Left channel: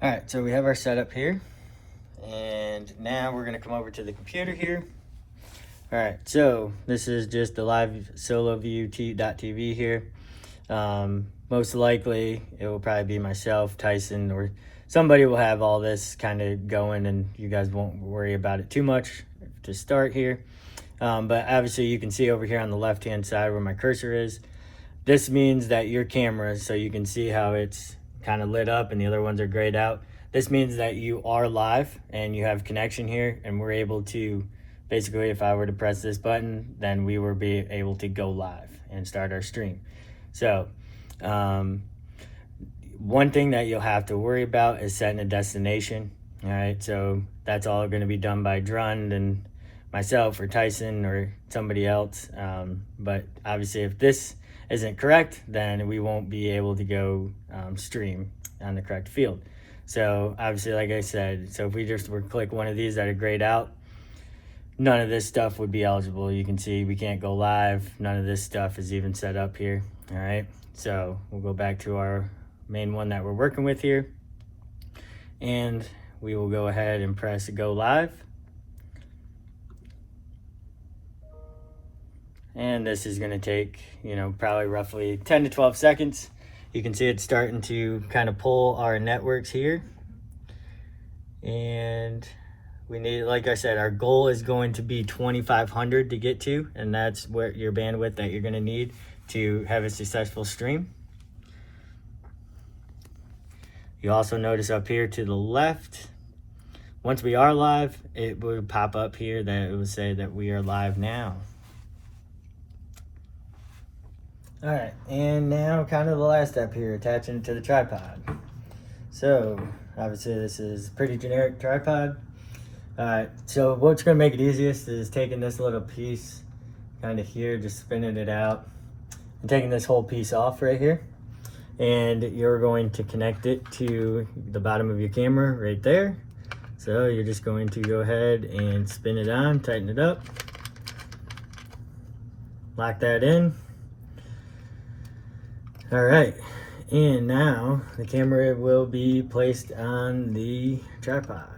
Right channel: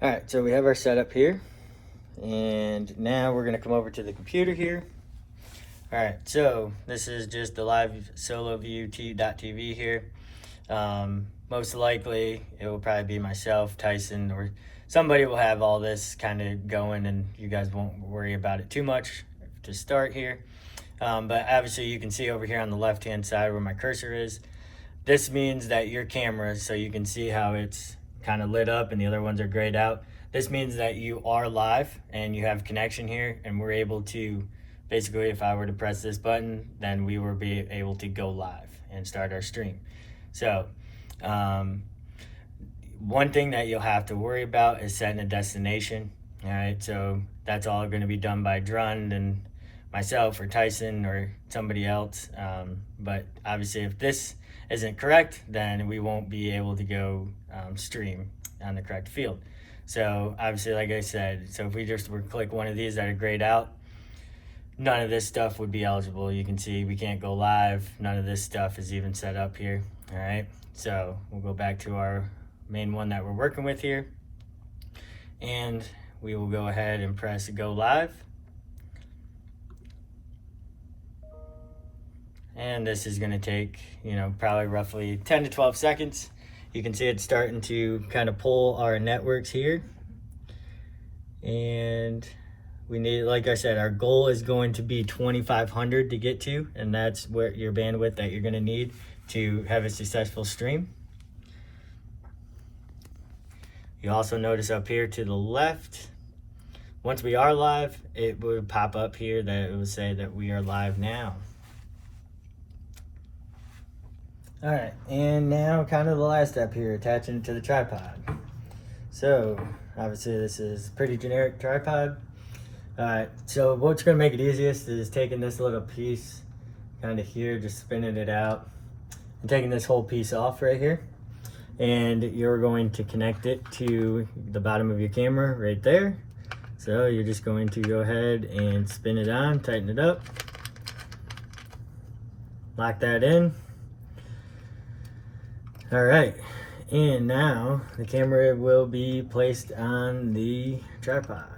All right, so we have our setup here, and now we're gonna come over to the computer here. All right, so this is just the live LiveU here. Most likely it will probably be myself, Tyson, or somebody will have all this kind of going, and you guys won't worry about it too much to start here. But obviously you can see over here on the left hand side where my cursor is, this means that your camera, so you can see how it's kind of lit up and the other ones are grayed out. This means that you are live and you have connection here, and we're able to, basically if I were to press this button, then we will be able to go live and start our stream. So one thing that you'll have to worry about is setting a destination. All right, so that's all going to be done by Drund and myself or Tyson or somebody else. But obviously if this isn't correct, then we won't be able to go stream on the correct field. So obviously, like I said, so if we just were to click one of these that are grayed out, none of this stuff would be eligible. You can see we can't go live. None of this stuff is even set up here. All right, so we'll go back to our main one that we're working with here, and we will go ahead and press go live. And this is going to take, probably roughly 10 to 12 seconds. You can see it's starting to kind of pull our networks here. And we need, like I said, our goal is going to be 2,500 to get to, and that's what your bandwidth that you're going to need to have a successful stream. You also notice up here to the left, once we are live, it will pop up here that it will say that we are live now. All right, and now kind of the last step here, attaching it to the tripod. So obviously this is a pretty generic tripod. All right, so what's gonna make it easiest is taking this little piece kind of here, just spinning it out and taking this whole piece off right here. And you're going to connect it to the bottom of your camera right there. So you're just going to go ahead and spin it on, tighten it up, lock that in. All right, and now the camera will be placed on the tripod.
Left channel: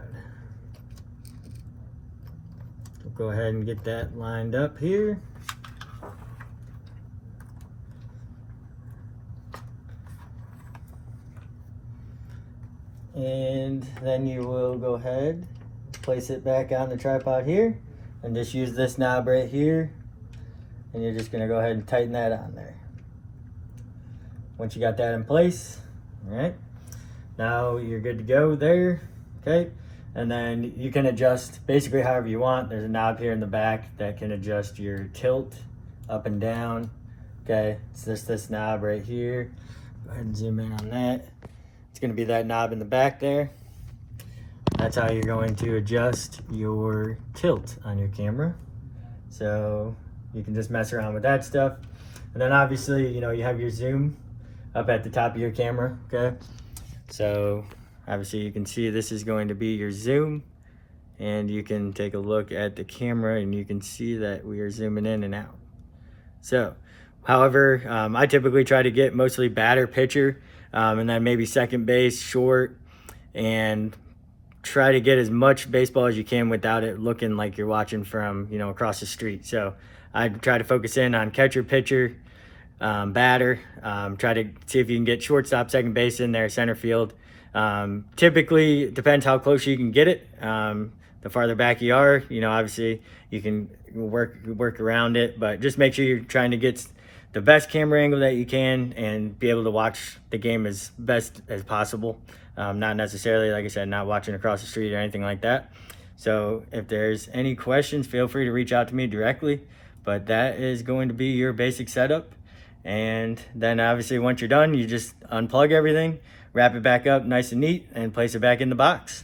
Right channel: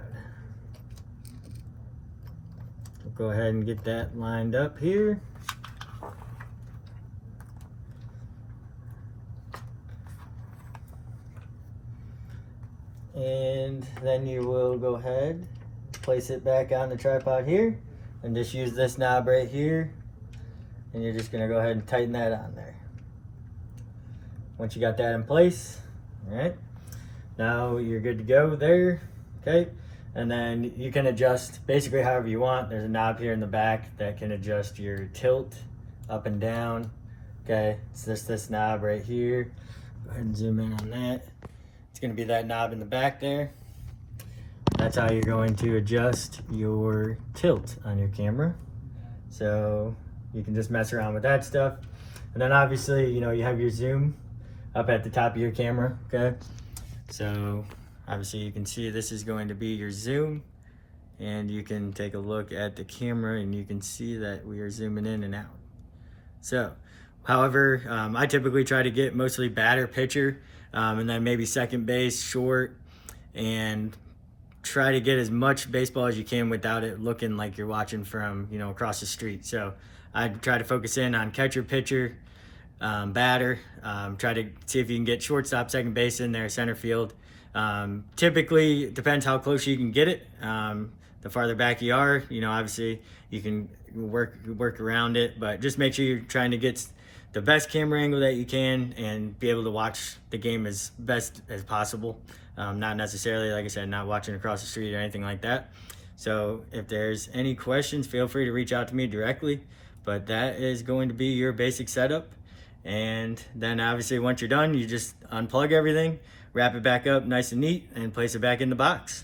We'll go ahead and get that lined up here. And then you will go ahead, place it back on the tripod here, and just use this knob right here, and you're just gonna go ahead and tighten that on there. Once you got that in place, all right, now you're good to go there, okay? And then you can adjust basically however you want. There's a knob here in the back that can adjust your tilt up and down, okay? It's just this knob right here. Go ahead and zoom in on that. It's gonna be that knob in the back there. That's how you're going to adjust your tilt on your camera. So you can just mess around with that stuff. And then obviously, you have your zoom up at the top of your camera, okay? So obviously you can see this is going to be your zoom, and you can take a look at the camera and you can see that we are zooming in and out. So, however, I typically try to get mostly batter pitcher, and then maybe second base, short, and try to get as much baseball as you can without it looking like you're watching from, across the street. So I try to focus in on catcher, pitcher, batter, try to see if you can get shortstop, second base in there, center field. Typically, it depends how close you can get it. The farther back you are, obviously you can work around it, but just make sure you're trying to get the best camera angle that you can and be able to watch the game as best as possible. Not necessarily, like I said, not watching across the street or anything like that. So if there's any questions, feel free to reach out to me directly, but that is going to be your basic setup. And then obviously once you're done, you just unplug everything, wrap it back up nice and neat, and place it back in the box.